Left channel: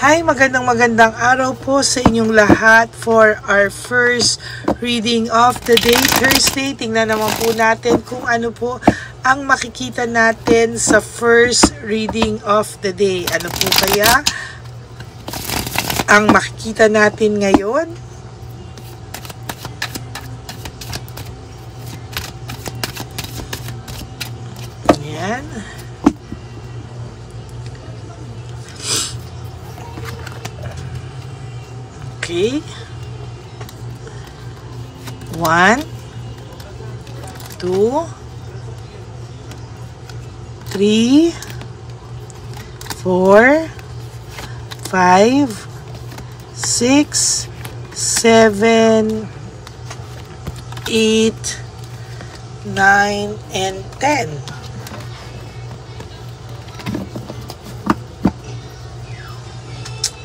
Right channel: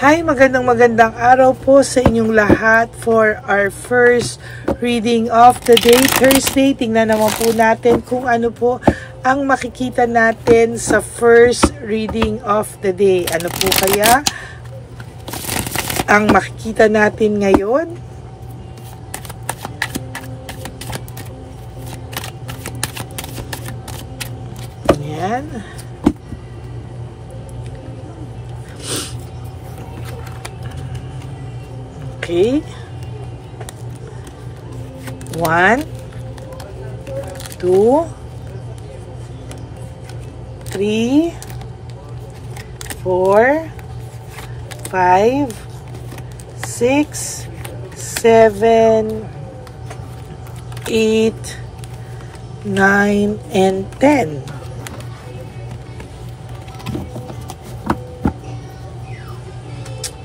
Hi, magandang araw po sa inyong lahat for our first reading of the day, Thursday. Tingnan naman po natin kung ano po ang makikita natin sa first reading of the day. Ano po kaya ang makikita natin ngayon? Yan. Okay. 1, 2, 3, 4, 5, 6, 7, 8, 9, and 10.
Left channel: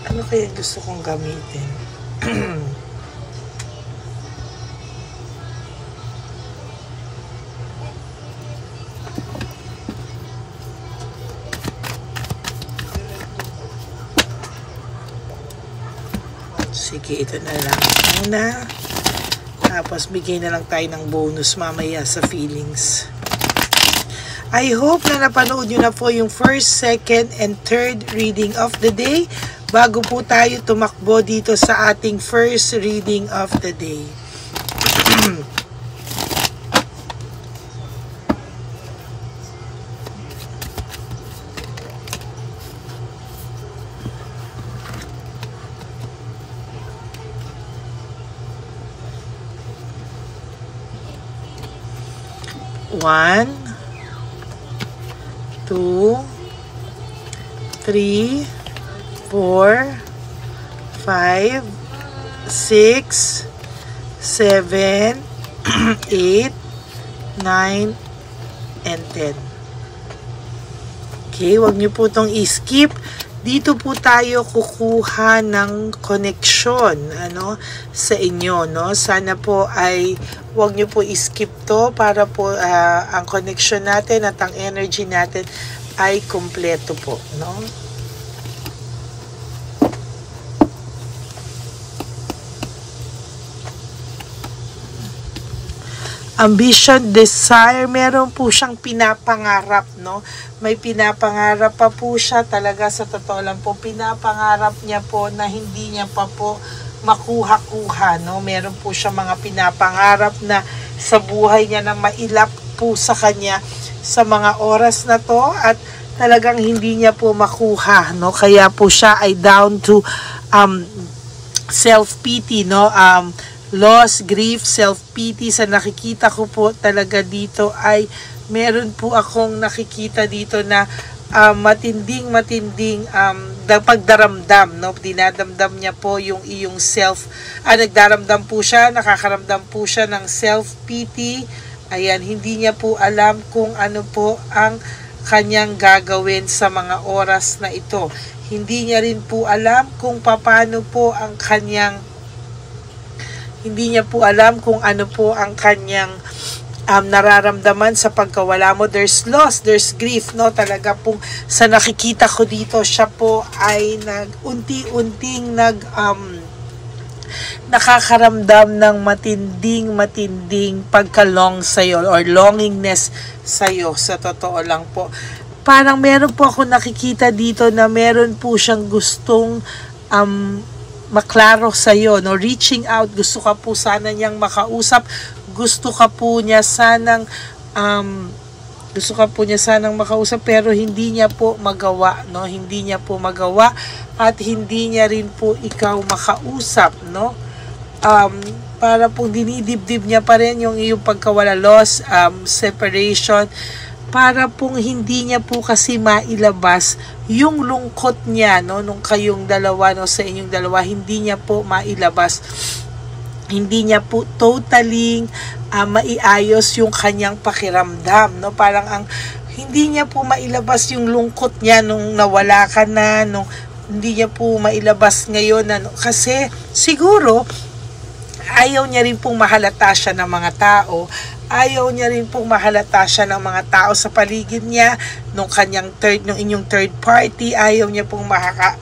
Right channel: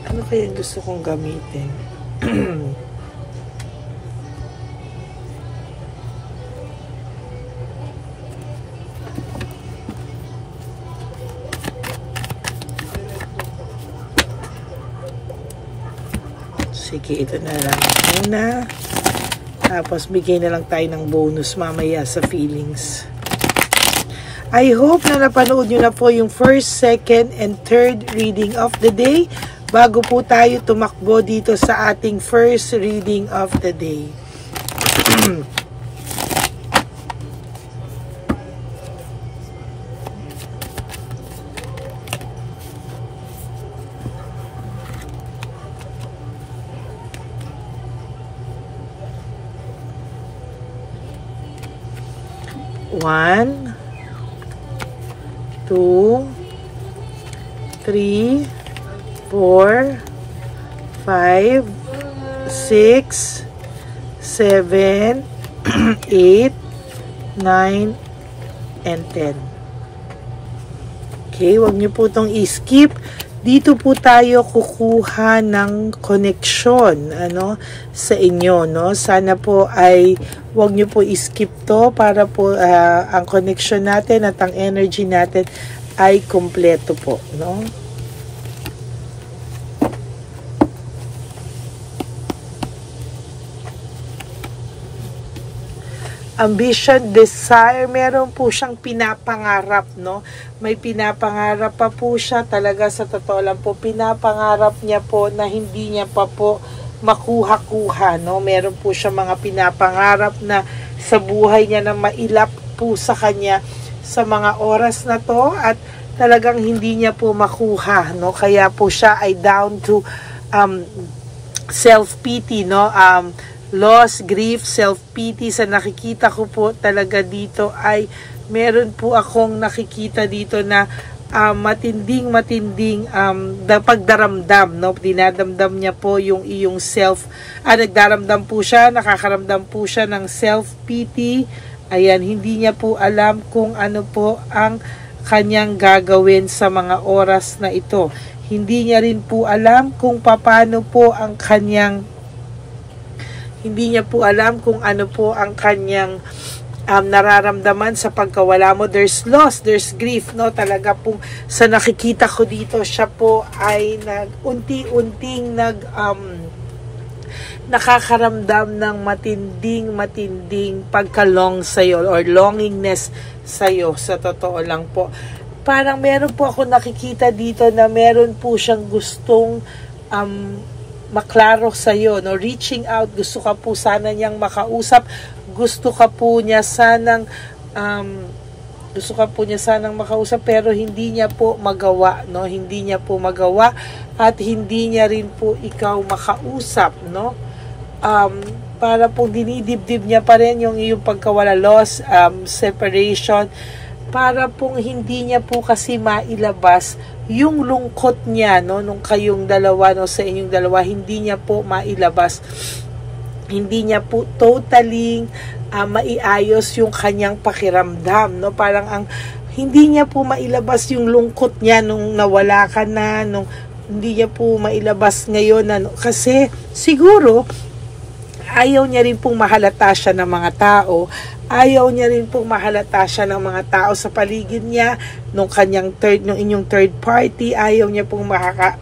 Ano kaya gusto kong gamitin? Sige, ito na lang muna. Tapos bigay na lang tayo ng bonus mamaya sa feelings. I hope na napanood nyo na po yung first, second, and third reading of the day bago po tayo tumakbo dito sa ating first reading of the day. One, 2, 3, 4, 5, 6, 7, 8, 9, and 10. Okay, wag niyo po itong i-skip. Dito po tayo kukuha ng connection sa inyo. Sana po ay wag niyo po i-skip to para po ang connection natin at ang energy natin ay kumpleto po. Ambition, desire, meron po siyang pinapangarap, May pinapangarap pa po siya, talaga sa totoo lang po, pinapangarap niya po na hindi niya pa po makuha-kuha, Meron po siya mga pinapangarap na sa buhay niya na mailap po sa kanya sa mga oras na to at talagang hindi niya po makuha, Kaya po siya ay down to self-pity, loss, grief, self-pity. Sa nakikita ko po talaga dito ay meron po akong nakikita dito na matinding pagdaramdam, dinadamdam niya po yung iyong self, nagdaramdam po siya, nakakaramdam po siya ng self-pity. Ayan, hindi niya po alam kung ano po ang kanyang gagawin sa mga oras na ito. Hindi niya rin po alam kung paano po ang kanyang hindi niya po alam kung ano po ang kanyang nararamdaman sa pagkawala mo. There's loss, there's grief, Talaga pong sa nakikita ko dito, siya po ay unti-unting nakakaramdam ng matinding pagkalong sa'yo or longingness sa'yo, sa totoo lang po. Parang meron po ako nakikita dito na meron po siyang gustong maklaro sa'yo, reaching out, gusto ka po sana niyang makausap, gusto ka po niya sanang makausap, pero hindi niya po magawa, hindi niya po magawa at hindi niya rin po ikaw makausap, para pong dinidibdib niya pa rin yung iyong pagkawala, loss, separation, para pong hindi niya po kasi mailabas yung lungkot niya, nung kayong dalawa, sa inyong dalawa, hindi niya po mailabas. Hindi niya po totally maiayos yung kanyang pakiramdam, Parang hindi niya po mailabas yung lungkot niya nung nawala ka na, hindi niya po mailabas ngayon, kasi siguro ayaw niya rin pong mahalata siya ng mga tao. Ayaw niya rin pong mahalata siya ng mga tao sa paligid niya, nung inyong third party, ayaw niya pong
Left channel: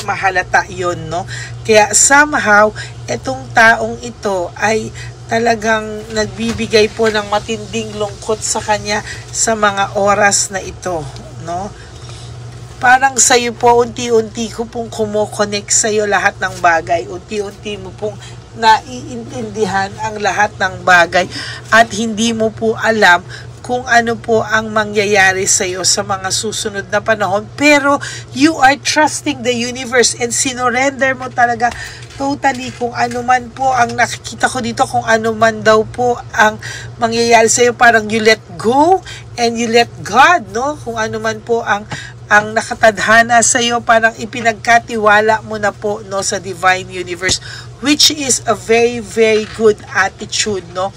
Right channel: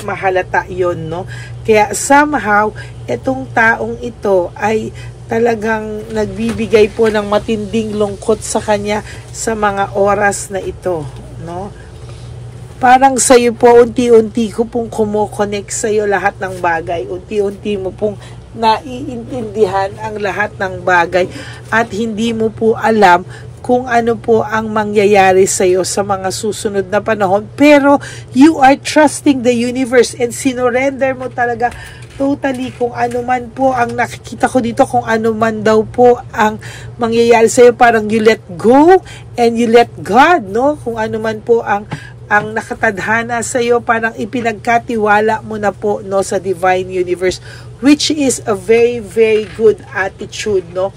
mahalata yon, no? Kaya somehow, itong taong ito ay talagang nagbibigay po ng matinding lungkot sa kanya sa mga oras na ito, no? Parang sa'yo po, unti-unti ko pong kumokonek sa'yo lahat ng bagay. Unti-unti mo pong naiintindihan ang lahat ng bagay at hindi mo po alam kung ano po ang mangyayari sa iyo sa mga susunod na panahon, pero you are trusting the universe and sinorender mo talaga totally kung ano man po ang nakikita ko dito, kung ano man daw po ang mangyayari sa iyo, parang you let go and you let God, no? Kung ano man po ang nakatadhana sa iyo, parang ipinagkatiwala mo na po, no, sa divine universe, which is a very, very good attitude, no?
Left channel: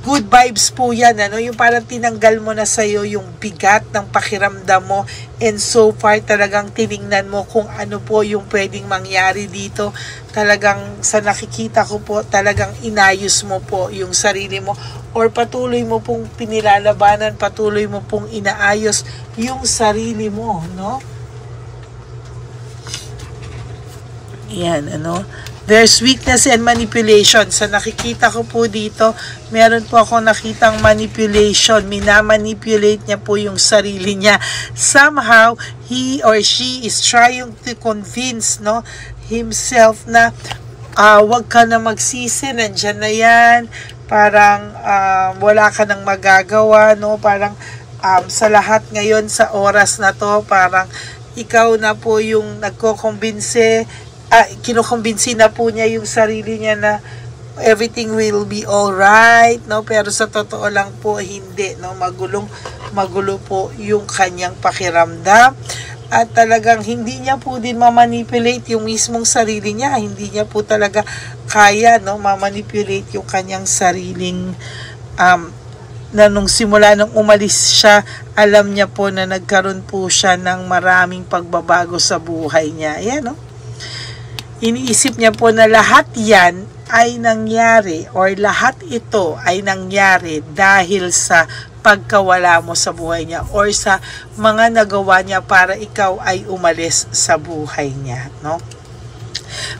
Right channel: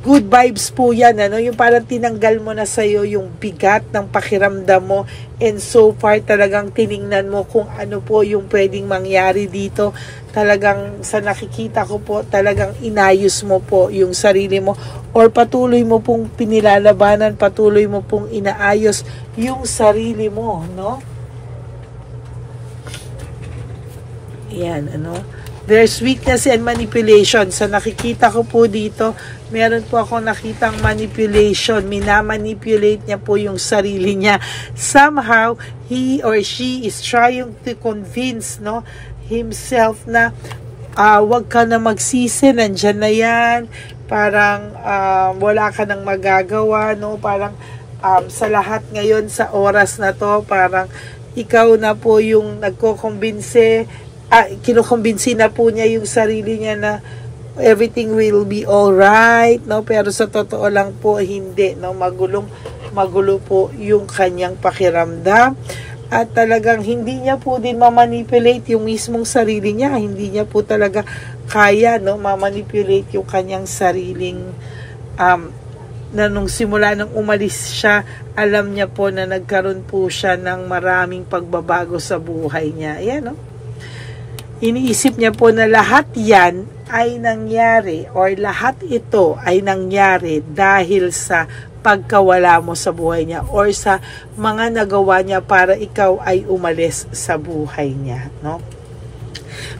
Good vibes po yan, ano? Yung parang tinanggal mo na sa'yo yung bigat ng pakiramdam mo, and so far talagang tiningnan mo kung ano po yung pwedeng mangyari dito. Talagang sa nakikita ko po, talagang inayos mo po yung sarili mo, or patuloy mo pong pinilalabanan, patuloy mo pong inaayos yung sarili mo, no? Yan, ano? There's weakness and manipulation. Sa nakikita ko po dito, meron po ako nakitang manipulation. Minamanipulate niya po yung sarili niya. Somehow, he or she is trying to convince, no, himself na wag ka na magsisi, nandyan na yan. Parang wala ka nang magagawa, no? Parang sa lahat ngayon, sa oras na to, parang ikaw na po yung nagko-convince, kinukumbinsi na po niya yung sarili niya na everything will be alright, no? Pero sa totoo lang po, hindi, no? Magulo po yung kanyang pakiramdam. At talagang hindi niya po din mamanipulate yung mismong sarili niya. Hindi niya po talaga kaya, no, mamanipulate yung kanyang sariling na nung simula nung umalis siya, alam niya po na nagkaroon po siya ng maraming pagbabago sa buhay niya. Ayan, no? Iniisip niya po na lahat yan ay nangyari, or lahat ito ay nangyari dahil sa pagkawala mo sa buhay niya, or sa mga nagawa niya para ikaw ay umalis sa buhay niya, no?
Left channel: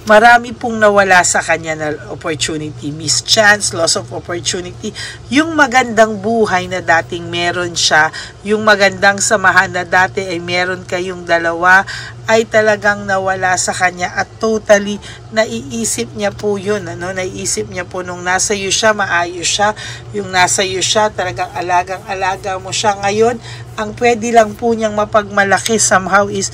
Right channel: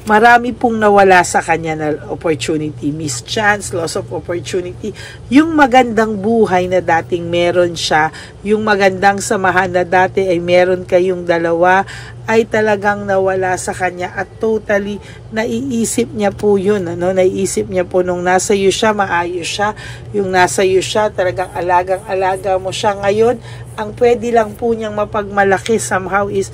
Marami pong nawala sa kanya na opportunity, miss chance, loss of opportunity. Yung magandang buhay na dating meron siya, yung magandang samahan na dati ay meron kayong dalawa, ay talagang nawala sa kanya, at totally naiisip niya po yun, ano? Naiisip niya po nung nasa iyo siya, maayos siya. Yung nasa iyo siya, talagang alagang-alaga mo siya. Ngayon, ang pwede lang po niyang mapagmalaki somehow is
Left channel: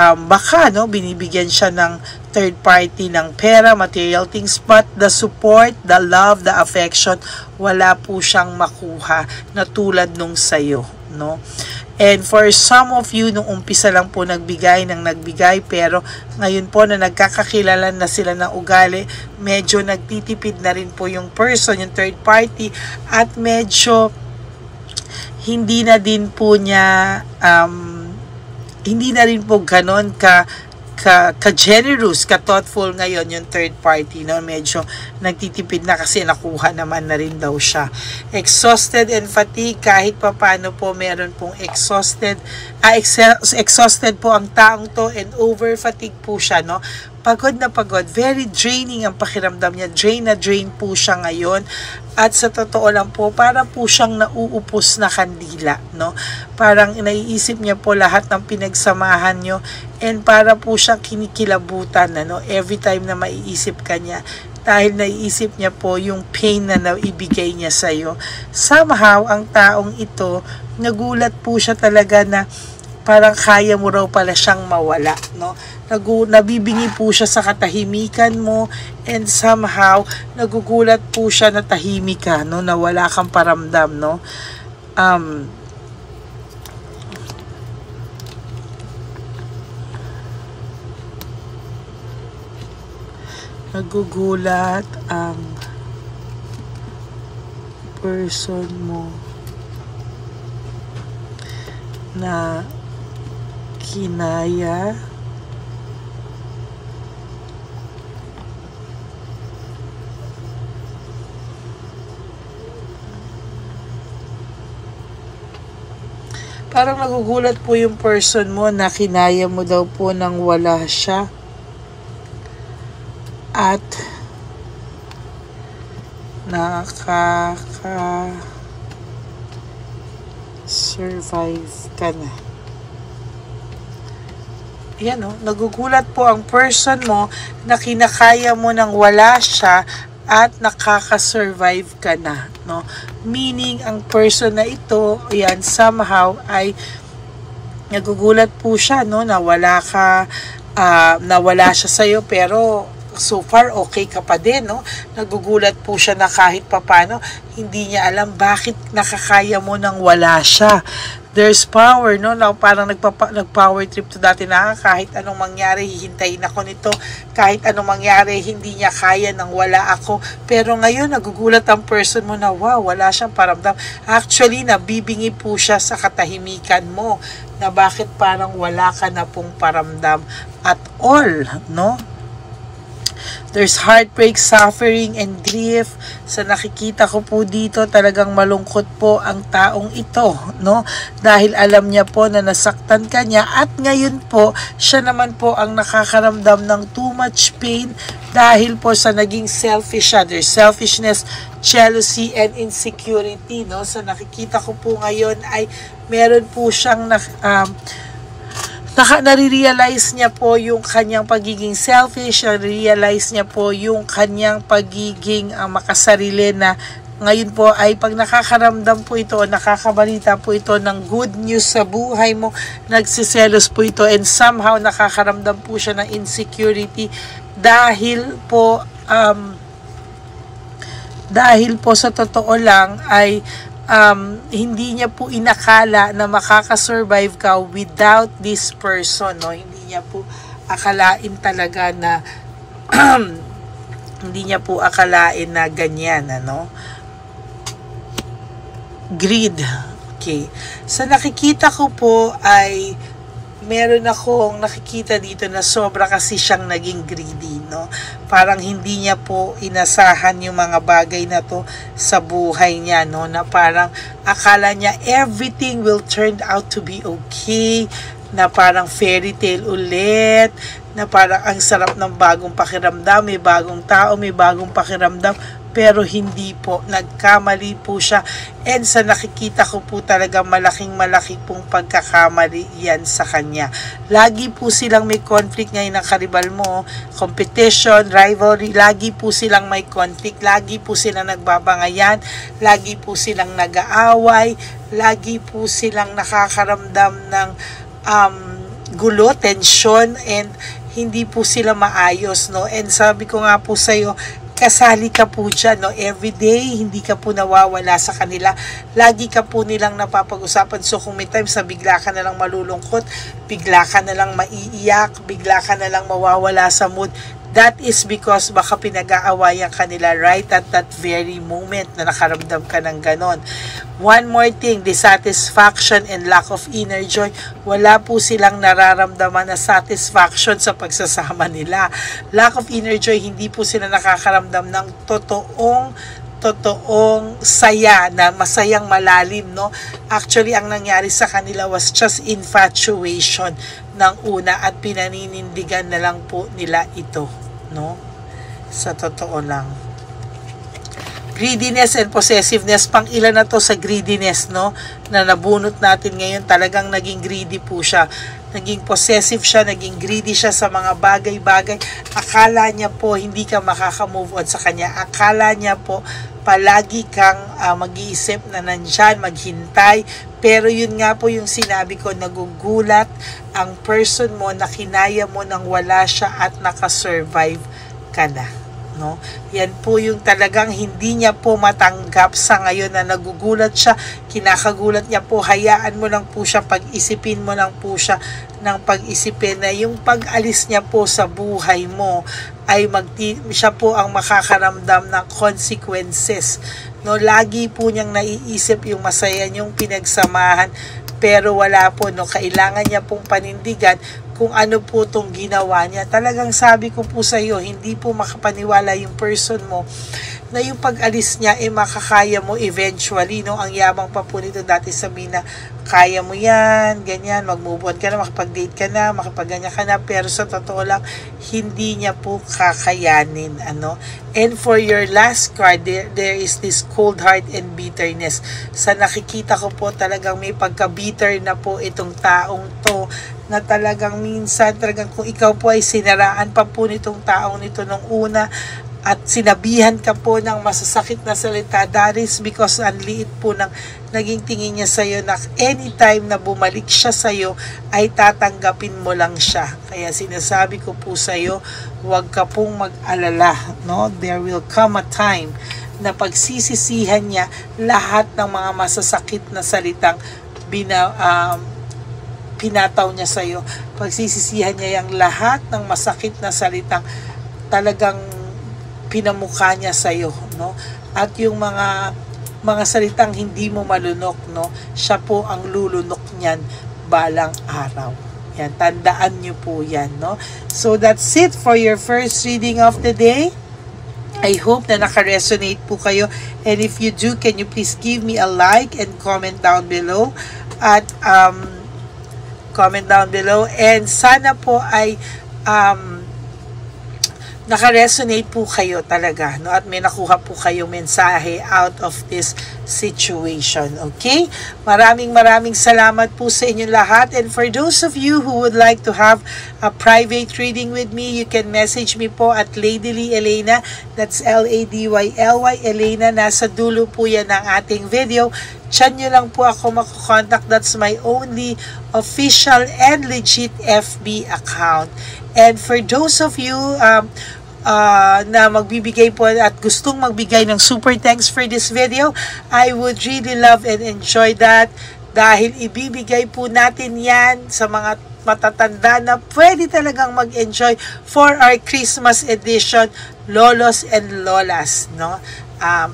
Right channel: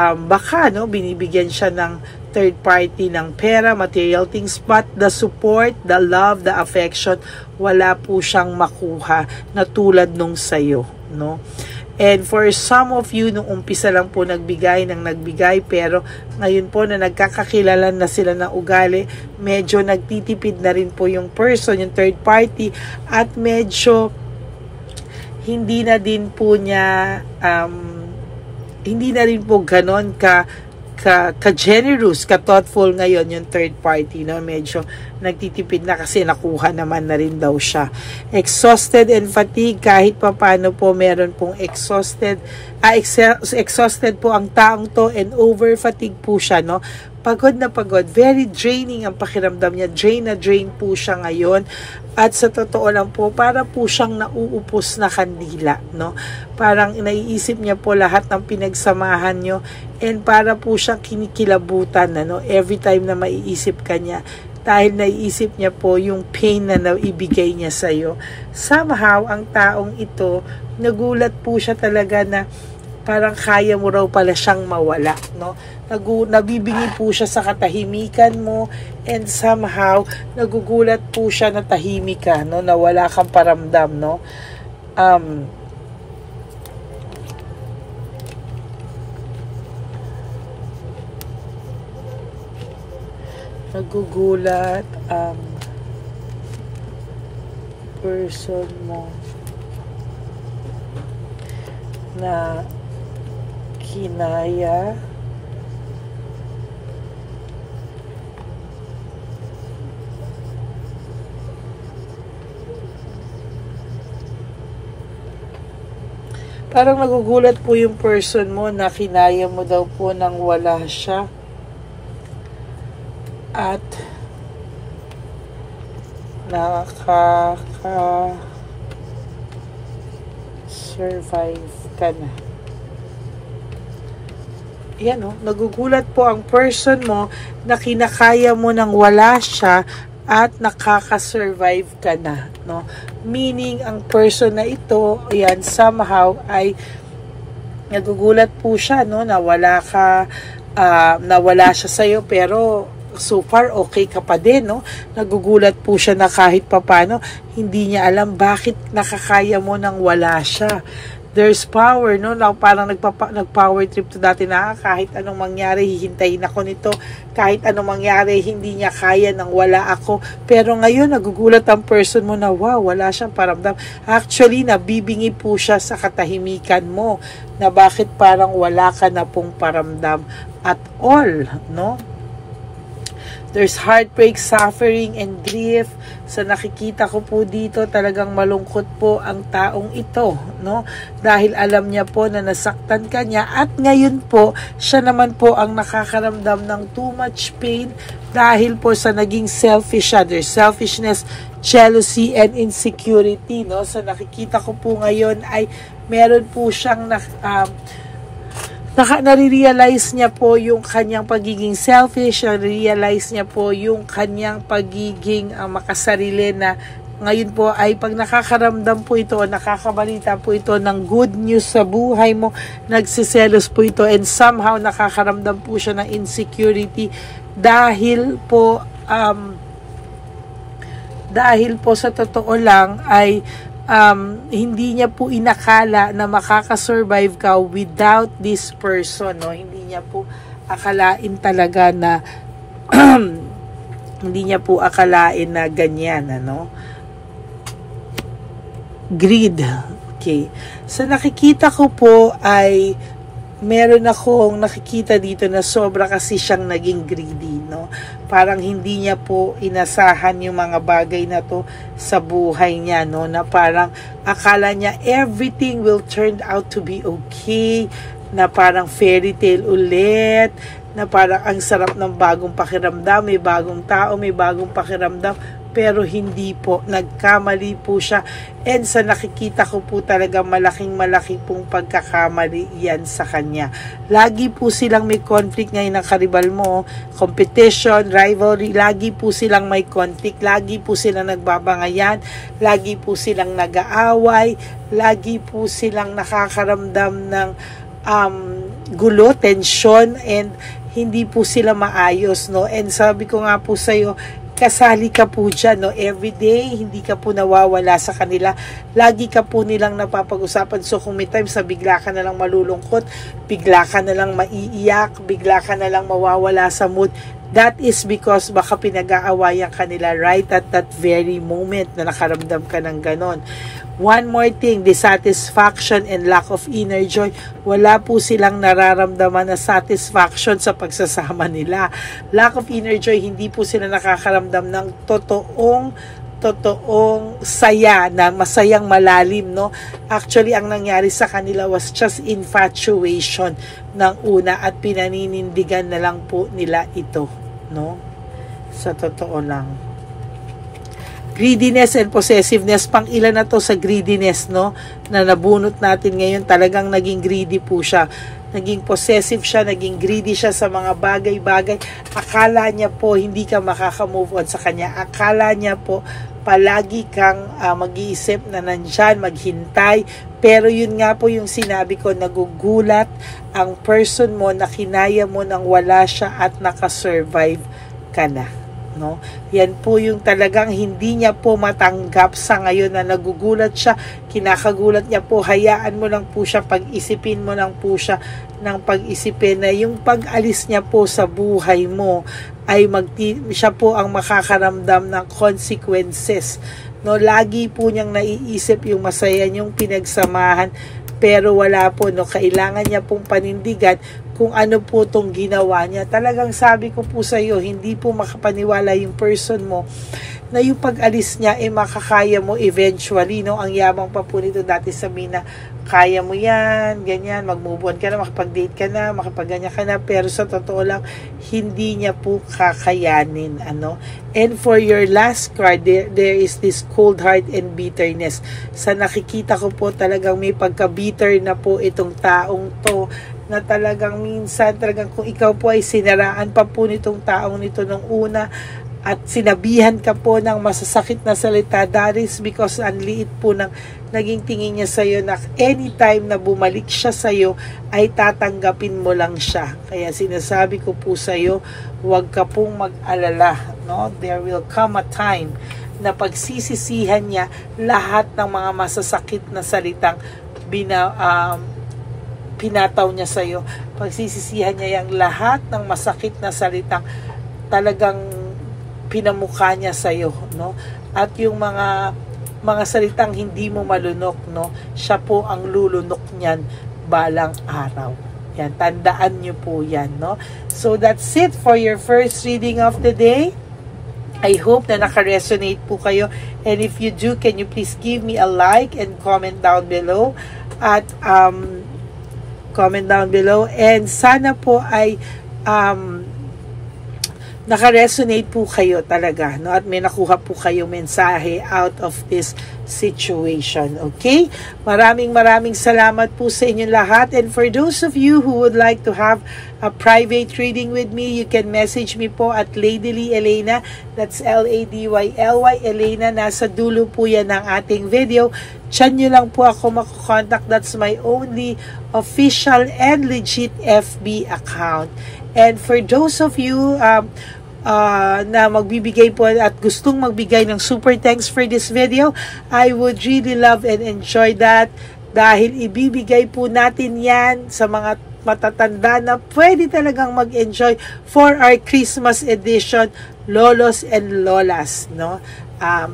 baka, no, binibigyan siya ng third party ng pera, material things, but the support, the love, the affection, wala po siyang makuha na tulad nung sayo, no? And for some of you, nung umpisa lang po nagbigay, pero ngayon po na nagkakakilalan na sila ng ugali, medyo nagtitipid na rin po yung person, yung third party, at medyo hindi na din po niya hindi na rin po ganon ka-generous, ka-thoughtful ngayon yung third party, no? Medyo nagtitipid na kasi nakuha naman na rin daw siya. Exhausted and fatigue, kahit pa paano po meron pong exhausted po ang taong to, and over fatigue po siya, no? Pagod na pagod, very draining ang pakiramdam niya, drain na drain po siya ngayon, at sa totoo lang po, para po siyang nauupos na kandila, no? Parang naiisip niya po lahat ng pinagsamahan nyo, and para po siyang kinikilabutan, no? Every time na maiisip ka niya, dahil naiisip niya po yung pain na naibigay niya sa'yo. Somehow, ang taong ito, nagulat po siya talaga na parang kaya mo raw pala siyang mawala, no? Nabibingi po siya sa katahimikan mo, and somehow nagugulat po siya na tahimik ka, no? Na wala kang paramdam, no? Nagugulat ang person mo na kinaya Parang nagugulat po yung person mo na kinaya mo daw po nang wala siya. At survive ka na. Yan o, nagugulat po ang person mo na kinakaya mo nang wala siya at nakaka-survive ka na, no? Meaning, ang person na ito, yan, somehow ay nagugulat po siya, no? Nawala siya sa'yo, pero so far, okay ka pa din, no? Nagugulat po siya na kahit papano, hindi niya alam bakit nakakaya mo nang wala siya. There's power, no? Parang nag-power trip to dati na kahit anong mangyari, hihintayin ako nito. Kahit anong mangyari, hindi niya kaya nang wala ako. Pero ngayon, nagugulat ang person mo na, wow, wala siyang paramdam. Actually, nabibingi po siya sa katahimikan mo na bakit parang wala ka na pong paramdam at all, no? There's heartbreak, suffering, and grief. Sa nakikita ko po dito, talagang malungkot po ang taong ito, no? Dahil alam niya po na nasaktan ka niya at ngayon po, siya naman po ang nakakaramdam ng too much pain dahil po sa naging selfish siya. There's selfishness, jealousy, and insecurity, no? Sa nakikita ko po ngayon ay meron po siyang nare-realize niya po yung kanyang pagiging selfish, nare-realize niya po yung kanyang pagiging makasarili na ngayon po ay pag nakakaramdam po ito o nakakabalita po ito ng good news sa buhay mo, nagsiselos po ito and somehow nakakaramdam po siya ng insecurity dahil po sa totoo lang ay hindi niya po inakala na makakasurvive ka without this person, no? Hindi niya po akalain talaga na hindi niya po akalain na ganyan, ano? Greed. Okay. Sa nakikita ko po ay meron akong nakikita dito na sobra kasi siyang naging greedy, no? Parang hindi niya po inasahan yung mga bagay na to sa buhay niya, no? Na parang akala niya everything will turn out to be okay, na parang fairy tale ulit, na parang ang sarap ng bagong pakiramdam, may bagong tao, may bagong pakiramdam, pero hindi po, nagkamali po siya. And sa nakikita ko po talaga malaki pong pagkakamali yan sa kanya. Lagi po silang may conflict ngayon ng karibal mo, competition, rivalry, lagi po silang may conflict, lagi po silang nagbabangayan, lagi po silang nag-aaway, lagi po silang nakakaramdam ng gulo, tension, and hindi po sila maayos, no? And sabi ko nga po sa'yo, kasali ka po dyan, no? Everyday, hindi ka po nawawala sa kanila. Lagi ka po nilang napapag-usapan. So, kung may times na bigla ka na lang malulungkot, bigla ka na lang maiiyak, bigla ka na lang mawawala sa mood, that is because baka pinag-aawayan ka nila right at that very moment na nakaramdam ka ng ganon. One more thing, dissatisfaction and lack of inner joy. Wala po silang nararamdaman na satisfaction sa pagsasama nila. Lack of inner joy, hindi po sila nakakaramdam ng totoong saya, na masayang malalim, no? Actually, ang nangyari sa kanila was just infatuation ng una at pinaninindigan na lang po nila ito, no? Sa totoo lang. Greediness and possessiveness, pang ilan na to sa greediness, no? Na nabunot natin ngayon, talagang naging greedy po siya. Naging possessive siya, naging greedy siya sa mga bagay-bagay. Akala niya po hindi ka makaka-move on sa kanya. Akala niya po palagi kang mag-iisip na nandyan, maghintay. Pero yun nga po yung sinabi ko, nagugulat ang person mo na kinaya mo nang wala siya at nakasurvive ka na. No? Yan po yung talagang hindi niya po matanggap sa ngayon na nagugulat siya, kinakagulat niya po, hayaan mo lang po siya, pag-isipin mo lang po siya ng pag-isipin na yung pag-alis niya po sa buhay mo ay siya po ang makakaramdam ng consequences. No, lagi po niyang naiisip yung masaya niyong pinagsamahan, pero wala po, no, kailangan niya pong panindigan kung ano po itong ginawa niya. Talagang sabi ko po sa iyo, hindi po makapaniwala yung person mo na yung pag-alis niya makakaya mo eventually, no? Ang yabang pa po nito dati, sabihin na kaya mo yan, ganyan, mag-move on ka na, makapag-date ka na, makapag-ganyan ka na, pero sa totoo lang, hindi niya po kakayanin, ano? And for your last card, there is this cold heart and bitterness. Sa nakikita ko po, talagang may pagka-bitter na po itong taong to, na talagang minsan, talagang kung ikaw po ay sinaraan pa po nitong taong nito nung una, at sinabihan ka po ng masasakit na salita, that is because ang liit po ng naging tingin niya sa'yo, na anytime na bumalik siya sa'yo ay tatanggapin mo lang siya. Kaya sinasabi ko po sa'yo, huwag ka pong mag-alala, no? There will come a time na pagsisisihan niya lahat ng mga masasakit na salitang pinataw niya sa'yo. Pagsisisihan niya yung lahat ng masakit na salitang talagang pinamukha niya sa'yo, no? At yung mga salitang hindi mo malunok, no? Siya po ang lulunok niyan balang araw. Yan, tandaan niyo po yan, no? So that's it for your first reading of the day. I hope na naka-resonate po kayo. And if you do, can you please give me a like and comment down below? At comment down below. And sana po ay naka-resonate po kayo talaga, no? At may nakuha po kayong mensahe out of this situation, okay? Maraming salamat po sa inyong lahat. And for those of you who would like to have a private reading with me, you can message me po at Ladyly Elena. That's Ladyly Elena. Nasa dulo po yan ng ating video. Diyan nyo lang po ako makakontak. That's my only official and legit FB account. And for those of you na magbibigay po at gustong magbigay ng super thanks for this video, I would really love and enjoy that, dahil ibibigay po natin yan sa mga matatanda na pwede talagang mag-enjoy for our Christmas edition, Lolos and Lolas, no?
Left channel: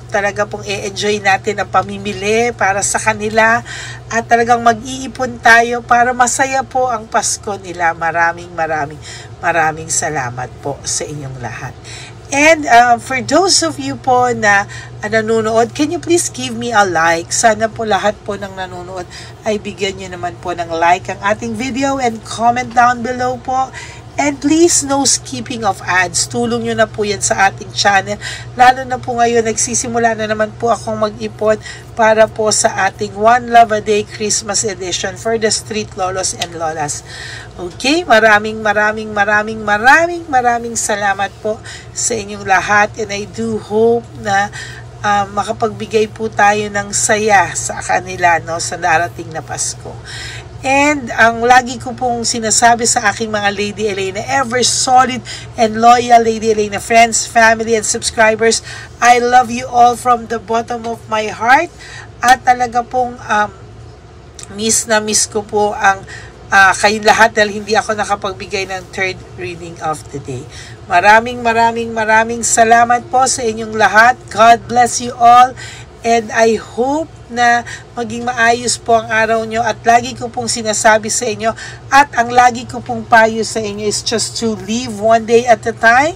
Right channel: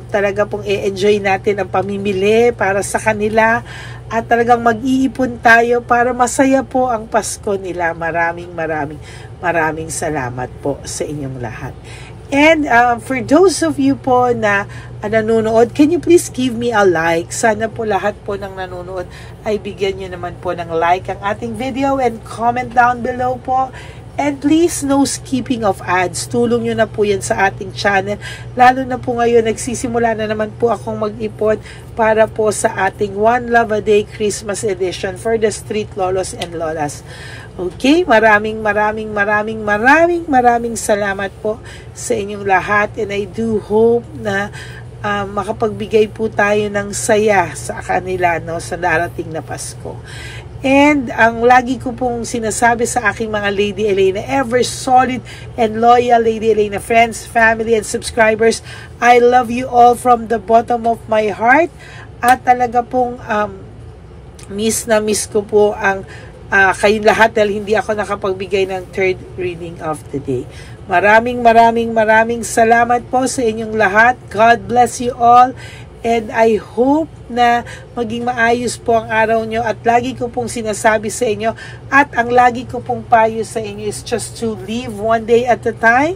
Talaga pong i-enjoy natin ang pamimili para sa kanila, at talagang mag-iipon tayo para masaya po ang Pasko nila. Maraming salamat po sa inyong lahat. And for those of you po na nanonood, can you please give me a like? Sana po lahat po ng nanonood ay bigyan nyo naman po ng like ang ating video, and comment down below po. And please, no skipping of ads. Tulong nyo na po yan sa ating channel. Lalo na po ngayon, nagsisimula na naman po akong mag-ipon para po sa ating One Love a Day Christmas edition for the Street Lolos and Lolas. Okay, maraming salamat po sa inyong lahat. And I do hope na makapagbigay po tayo ng saya sa kanila, no, sa darating na Pasko. And ang lagi ko pong sinasabi sa aking mga Lady Elena, ever solid and loyal Lady Elena friends, family, and subscribers, I love you all from the bottom of my heart. At talaga pong miss ko po ang kayong lahat, dahil hindi ako nakapagbigay ng third reading of the day. Maraming salamat po sa inyong lahat. God bless you all. And I hope na maging maayos po ang araw nyo. At lagi ko pong sinasabi sa inyo, at ang lagi ko pong payo sa inyo is just to live one day at a time.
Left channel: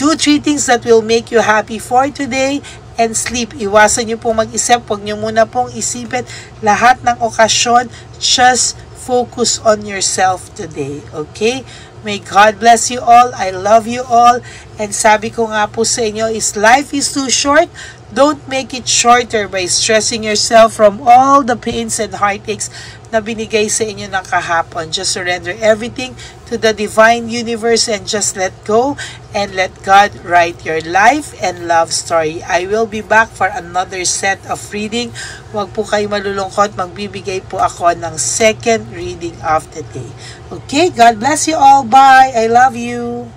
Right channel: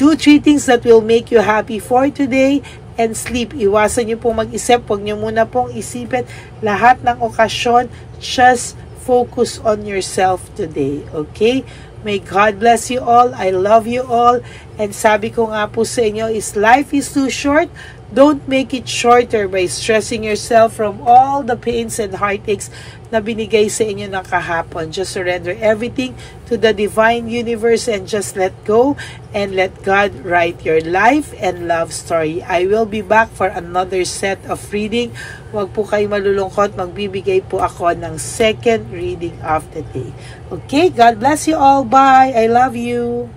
Do 3 things that will make you happy for today, and sleep. Iwasan nyo pong mag-isip. Huwag nyo muna pong isipin lahat ng okasyon. Just focus on yourself today. Okay? May God bless you all. I love you all. And sabi ko nga po sa inyo is, life is too short. Don't make it shorter by stressing yourself from all the pains and heartaches na binigay sa inyo ng kahapon. Just surrender everything to the divine universe and just let go, and let God write your life and love story. I will be back for another set of reading. Huwag po kayo malulungkot. Magbibigay po ako ng second reading of the day. Okay? God bless you all. Bye! I love you!